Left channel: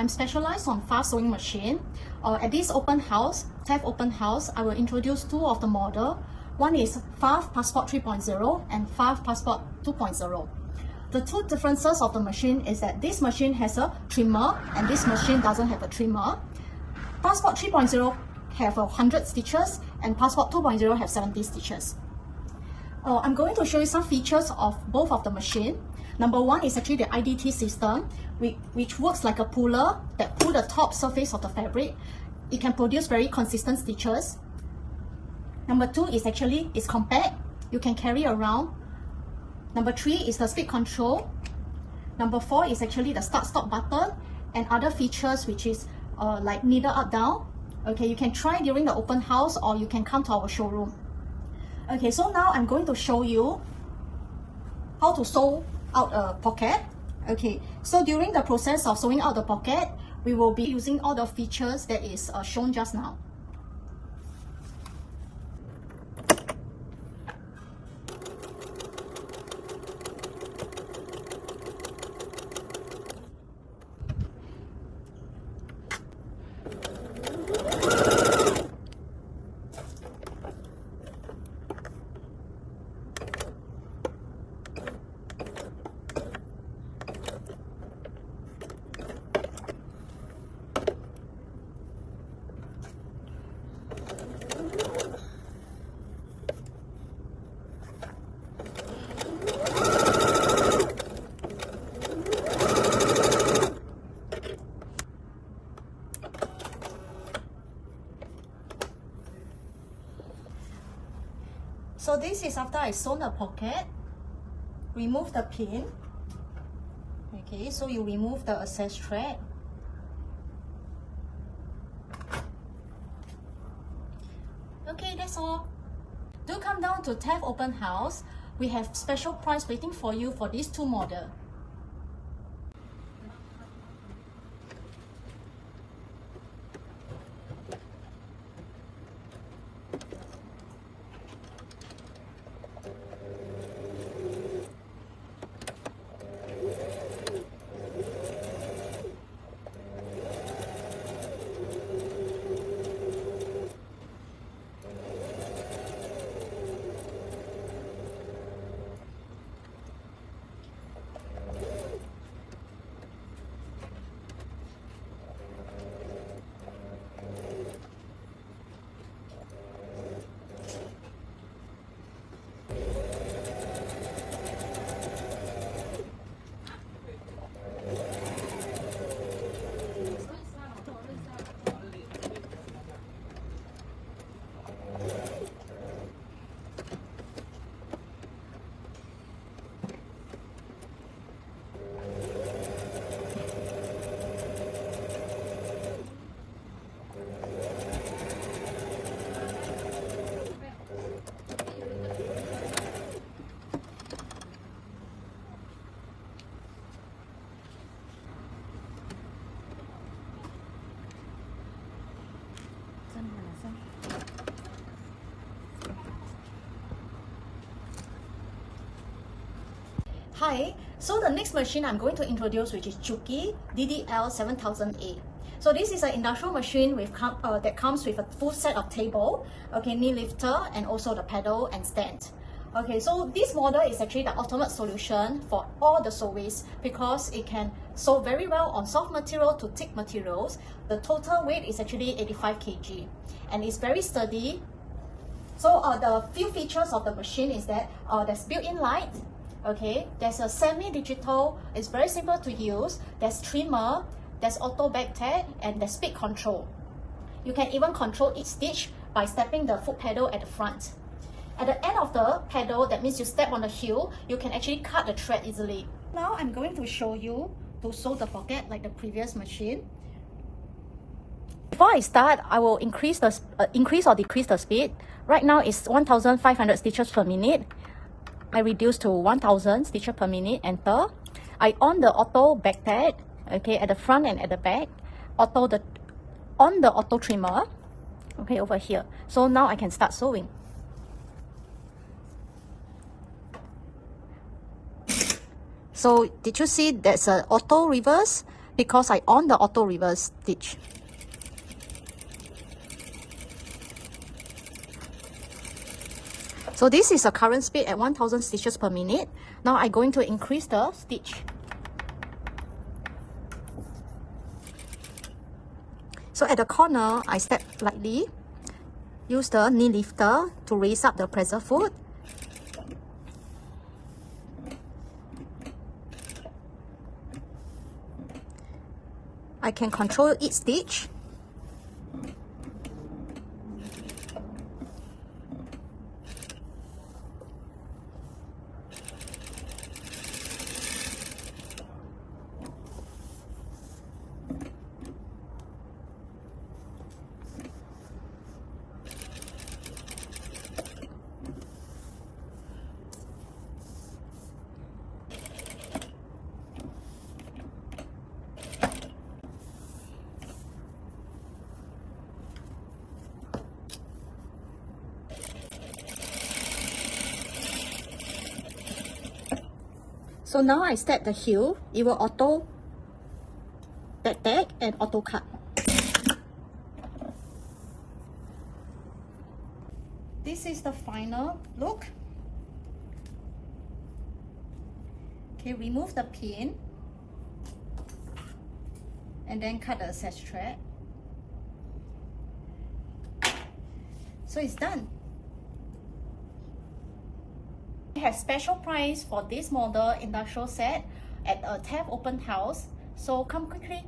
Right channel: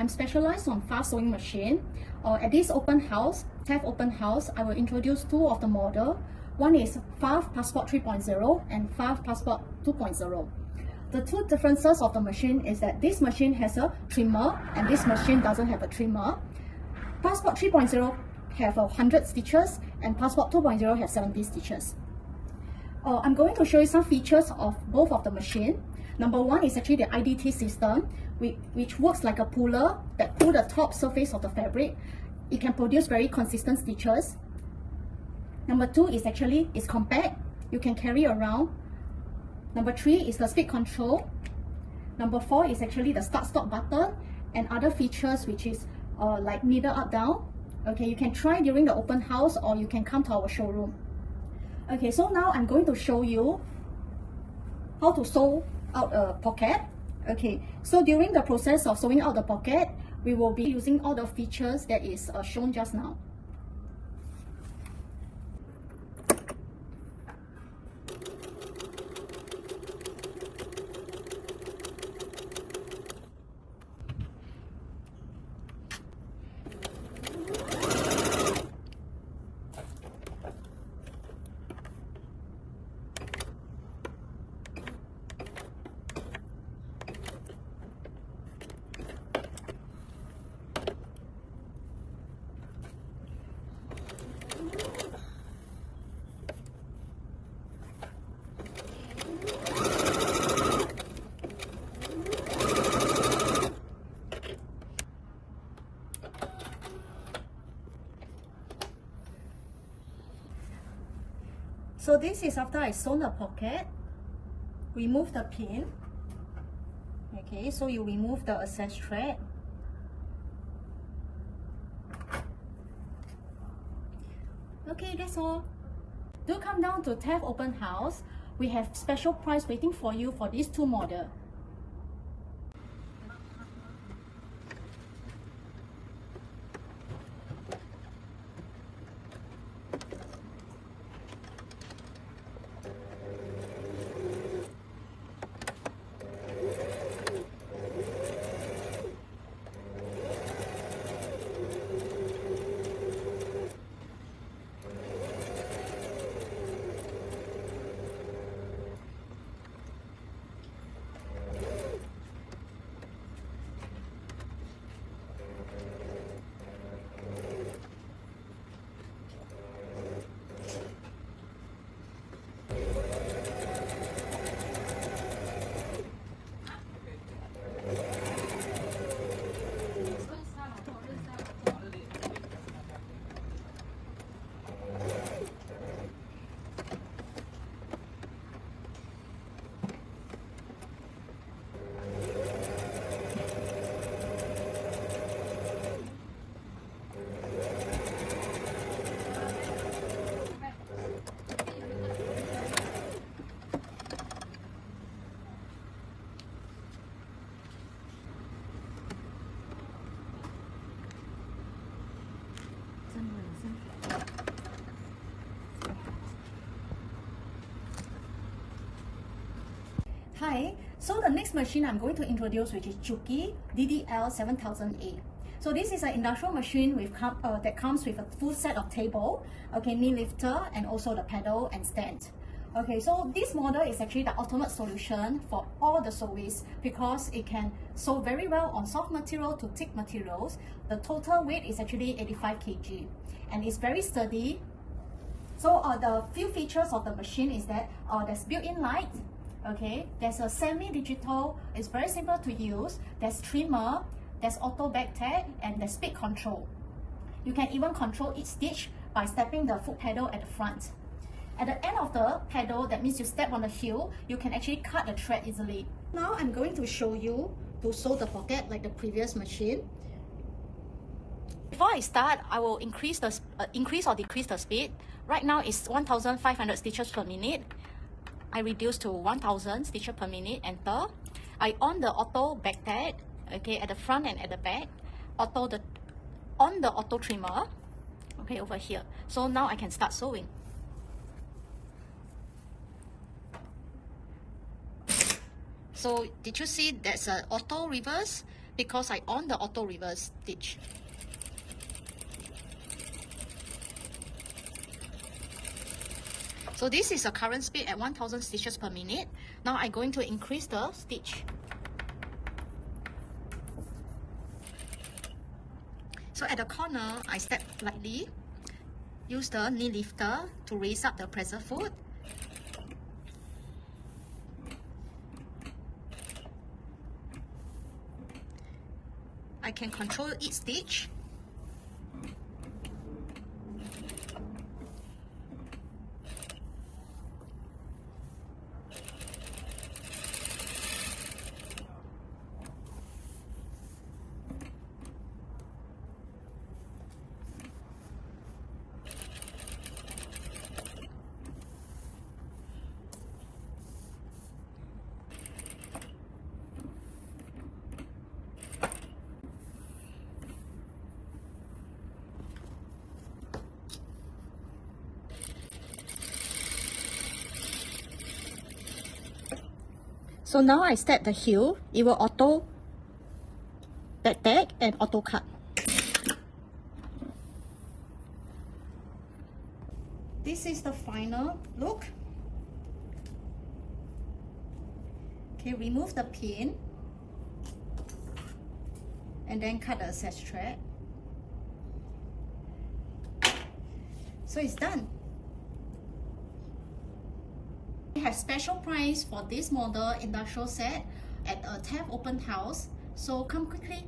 I'm specialized on fast sewing machine. At this open house, TAFTC open house, I will introduce two of the model. One is PFAFF Passport 3.0 and PFAFF Passport 2.0. The two differences of the machine is that this machine has a trimmer and this machine doesn't have a trimmer. Passport 3.0 have 100 stitches and Passport 2.0 have 70 stitches. I'm going to show you some features of both of the machine. Number one is actually the IDT system, which works like a puller that pull the top surface of the fabric. It can produce very consistent stitches. Number two is actually it's compact. You can carry around. Number three is the speed control. Number four is actually the start-stop button and other features, which is like needle up down. Okay, you can try during the open house or you can come to our showroom. Okay, so now I'm going to show you how to sew out a pocket. Okay, so during the process of sewing out the pocket, we will be using all the features that is shown just now. So this is after I sewn the pocket. Remove the pin. Okay, so you remove the excess thread. Okay, that's all. Do come down to TAFTC open house. We have special price waiting for you for these two models. Hi, so the next machine I'm going to introduce, which is Juki DDL7000A. So this is an industrial machine with that comes with a full set of table, okay, knee lifter, and also the pedal and stand. Okay, so this model is actually the ultimate solution for all the sewists because it can sew very well on soft material to thick materials. The total weight is actually 85 kg and it's very sturdy. So the few features of the machine is that there's built-in light. Okay, there's a semi-digital, it's very simple to use, there's trimmer, there's auto back tag, and there's speed control. You can even control each stitch by stepping the foot pedal at the front. At the end of the pedal, that means you step on the heel, you can actually cut the thread easily. Now I'm going to show you to sew the pocket like the previous machine. Before I start, I will increase or decrease the speed. Right now it's 1,500 stitches per minute. I reduce to 1000 stitches per minute, enter. I on the auto back tag, okay, at the front and at the back. On the auto trimmer, okay, over here. So now I can start sewing. So did you see there's an auto reverse? because I on the auto reverse stitch. So this is the current speed at 1000 stitches per minute. Now I'm going to increase the stitch. So at the corner, I step lightly. Use the knee lifter to raise up the presser foot. I can control each stitch. So now I step the heel, it will auto tag and auto cut. This is the final look. Okay, remove the pin and then cut the access thread. So it's done. We have special price for this model industrial set at a TAFTC open house, so come quickly.